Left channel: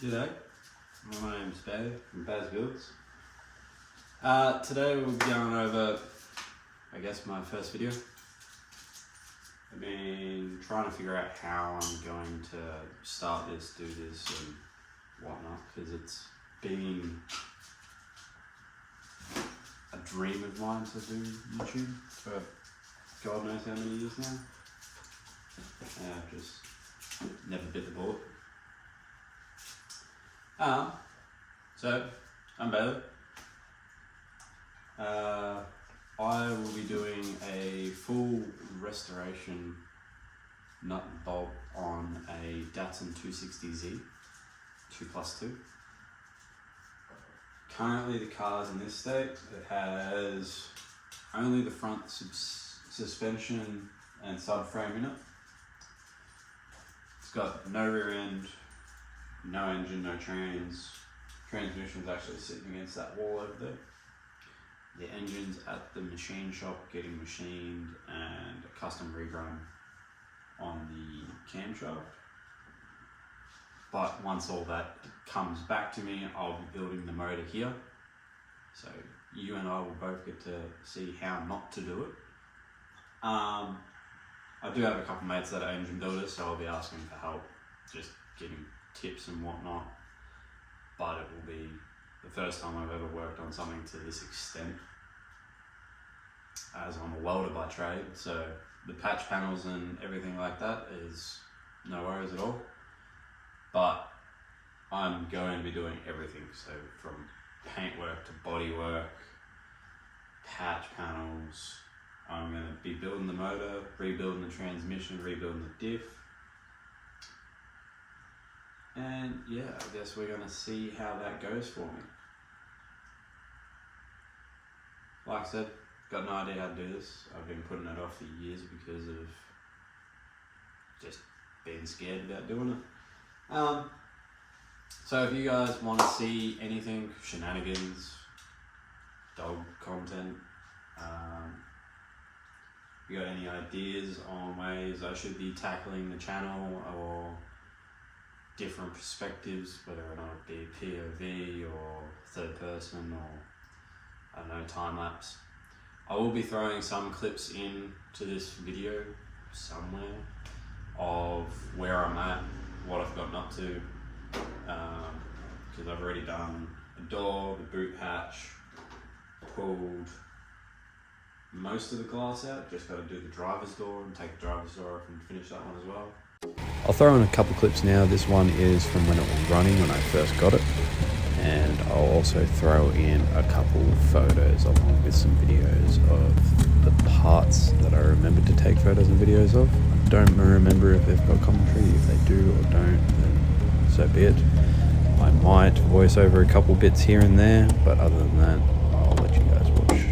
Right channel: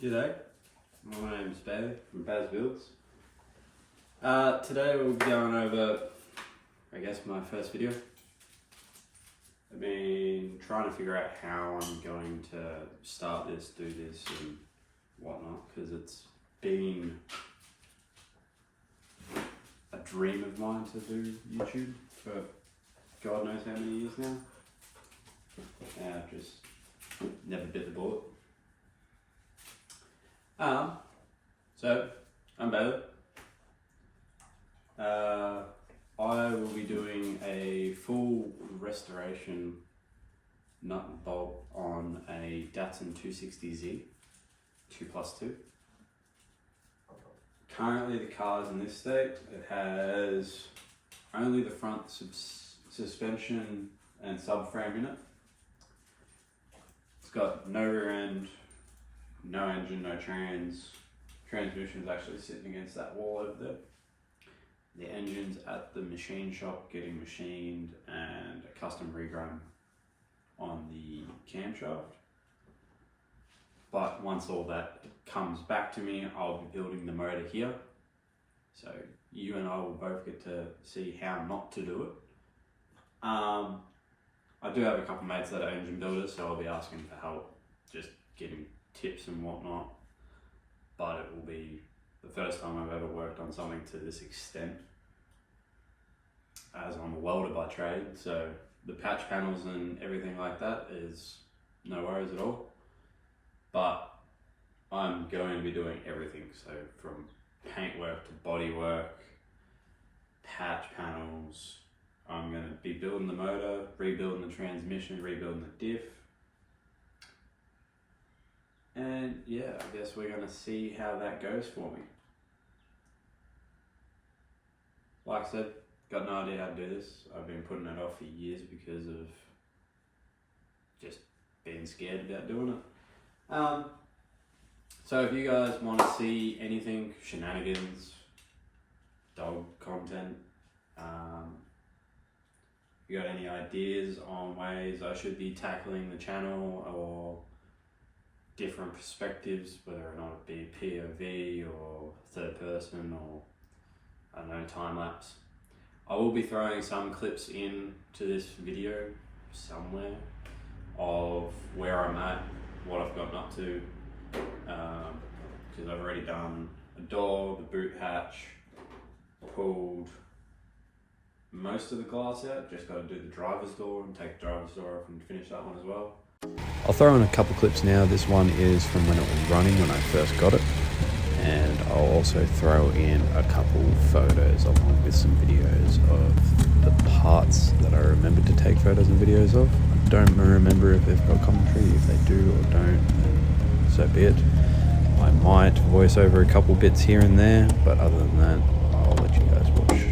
G'day, my name's Barry from Baz Builds. Today we'll be going over, I guess, my first video. I've been trying to figure out how I'm going to start this, do this and whatnot, because it's been a dream of mine to do YouTube for God knows how many years now. And I've just never bit the bullet. So I'm Bailey. I will be doing a full restoration nut and bolt on a Datsun 260Z 2+2. Currently the car's in this state. It has only the front suspension and subframe in it. It's got no rear end, no engine, no transmission's actually sitting against that wall over there. The engine's at the machine shop getting machined and a custom regrun on the camshaft. But once all that comes back to me, I'll be building the motor here. So you and I will both get to see how not to do it. I do have a couple mates that are engine builders, so I'll be asking for help, just giving tips and whatnot. But it will be the first time I've ever worked on something to this extent, as I'm a welder by trade, so the patch panels and everything like that is no worries at all. But I'm going to be doing everything, so from paint work to body work, patch panels. I'm going to be building the motor, rebuilding the transmission, rebuilding the diff. And yeah, I guess we're going to see how that goes for me. Like I said, got no idea how to do this. I've been putting it off for years because of just being scared about doing it. So if you guys want to see anything, shenanigans, dog content, if you got any ideas on ways I should be tackling the channel or different perspectives, whether or not it be POV or third person or I don't know, time lapse. I will be throwing some clips in to this video somewhere of where I'm at, what I've gotten up to, because I've already done a door, the boot hatch, pulled most of the glass out, just got to do the driver's door and take the driver's door off and finish that one as well. I'll throw in a couple clips now. This one is from when it was running, when I first got it. And I'll also throw in a couple photos along with some videos of the parts that I remembered to take photos and videos of. I don't remember if they've got commentary. If they do or don't, then so be it. I might voice over a couple bits here and there, but other than that, I'll let you guys watch.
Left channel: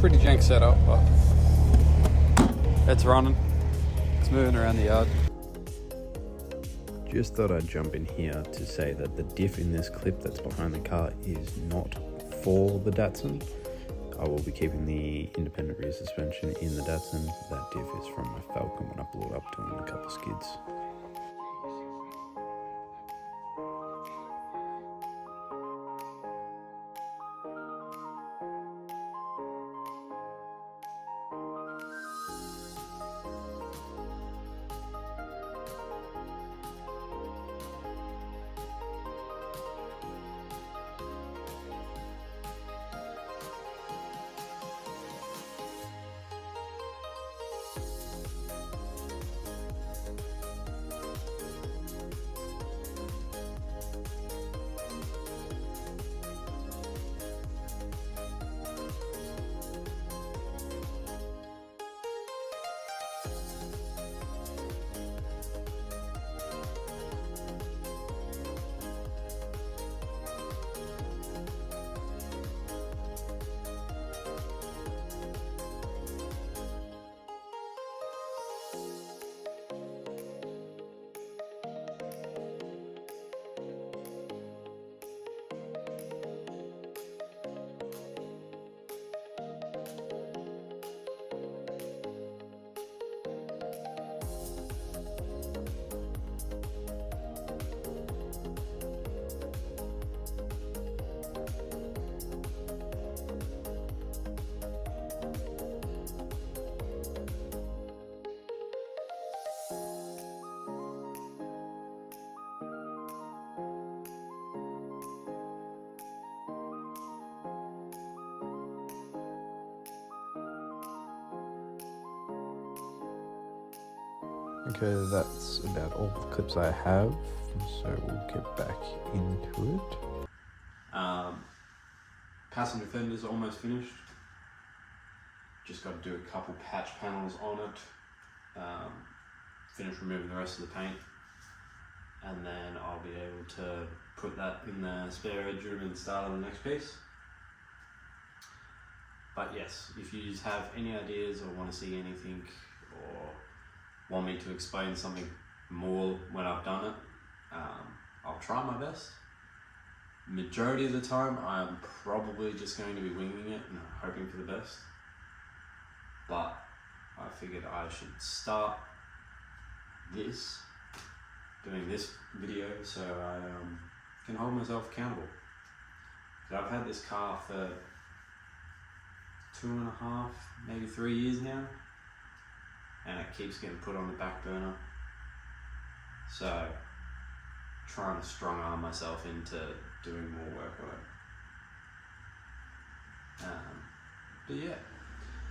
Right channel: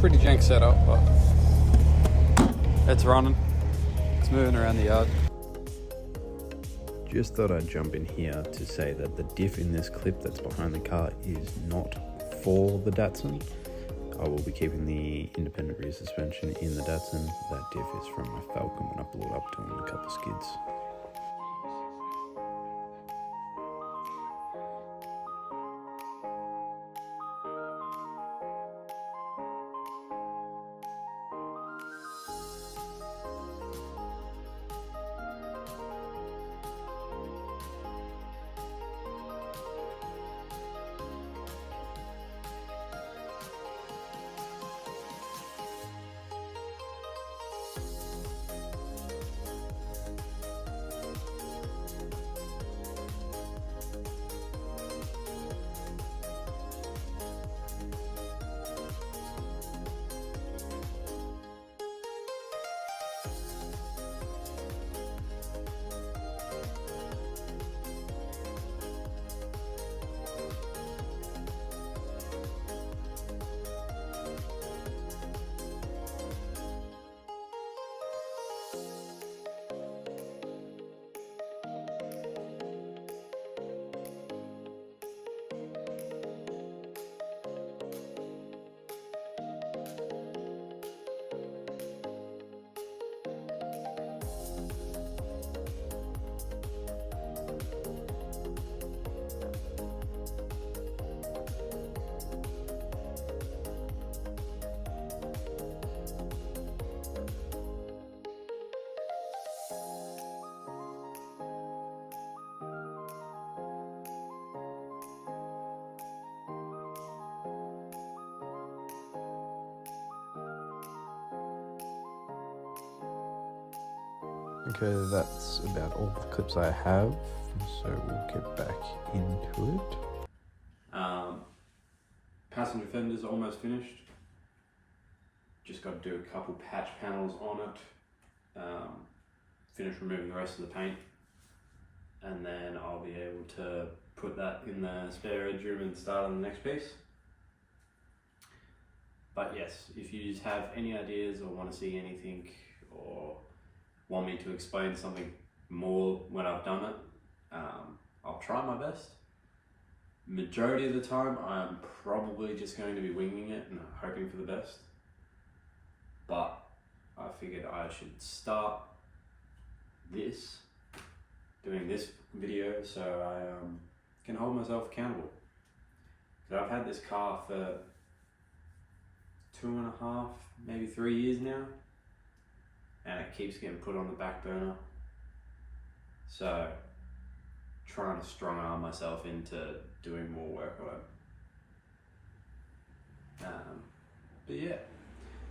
Pretty jank setup, but it's running. It's moving around the yard. Just thought I'd jump in here to say that the diff in this clip that's behind the car is not for the Datsun. I will be keeping the independent rear suspension in the Datsun. That diff is from my Falcon when I blew it up doing a couple skids. Okay, that's about all the clips I have, so we'll get back into it. Passenger fender's almost finished. Just got to do a couple patch panels on it. Finish removing the rest of the paint, and then I'll be able to put that in the spare bedroom and start on the next piece. But yes, if you just have any ideas or want to see anything or want me to explain something more when I've done it, I'll try my best. Majority of the time I'm probably just going to be winging it and hoping for the best, but I figured I should start doing this video so I can hold myself accountable. Because I've had this car for 2.5, maybe 3 years now, and it keeps getting put on the back burner. So trying to strong arm myself into doing more work on it. But yeah,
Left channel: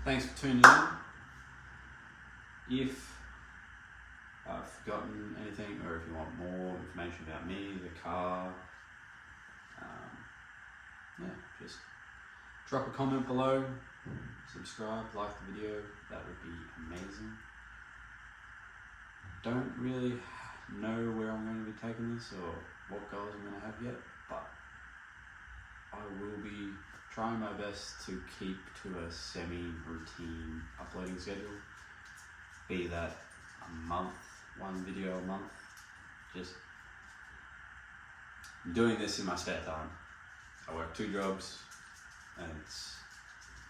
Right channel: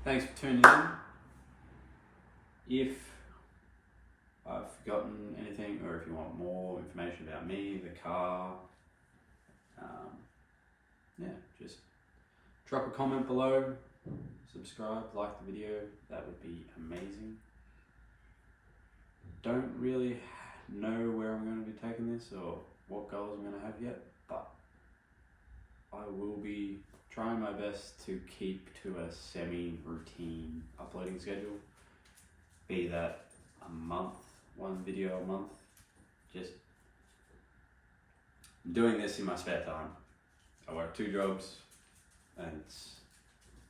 thanks for tuning in. If I've forgotten anything, or if you want more information about me, the car, yeah, just drop a comment below, subscribe, like the video, that would be amazing. Don't really know where I'm going to be taking this or what goals I'm going to have yet, but I will be trying my best to keep to a semi-routine uploading schedule, be that a month, one video a month, just doing this in my spare time. I work 2 jobs, and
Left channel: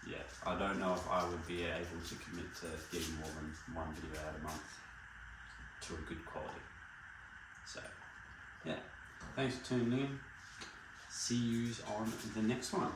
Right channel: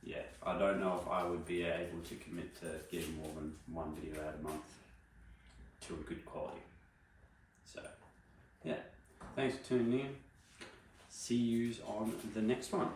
yeah, I don't know if I would be able to commit to getting more than 1 video out a month to a good quality. So yeah, thanks for tuning in. See yous on the next one.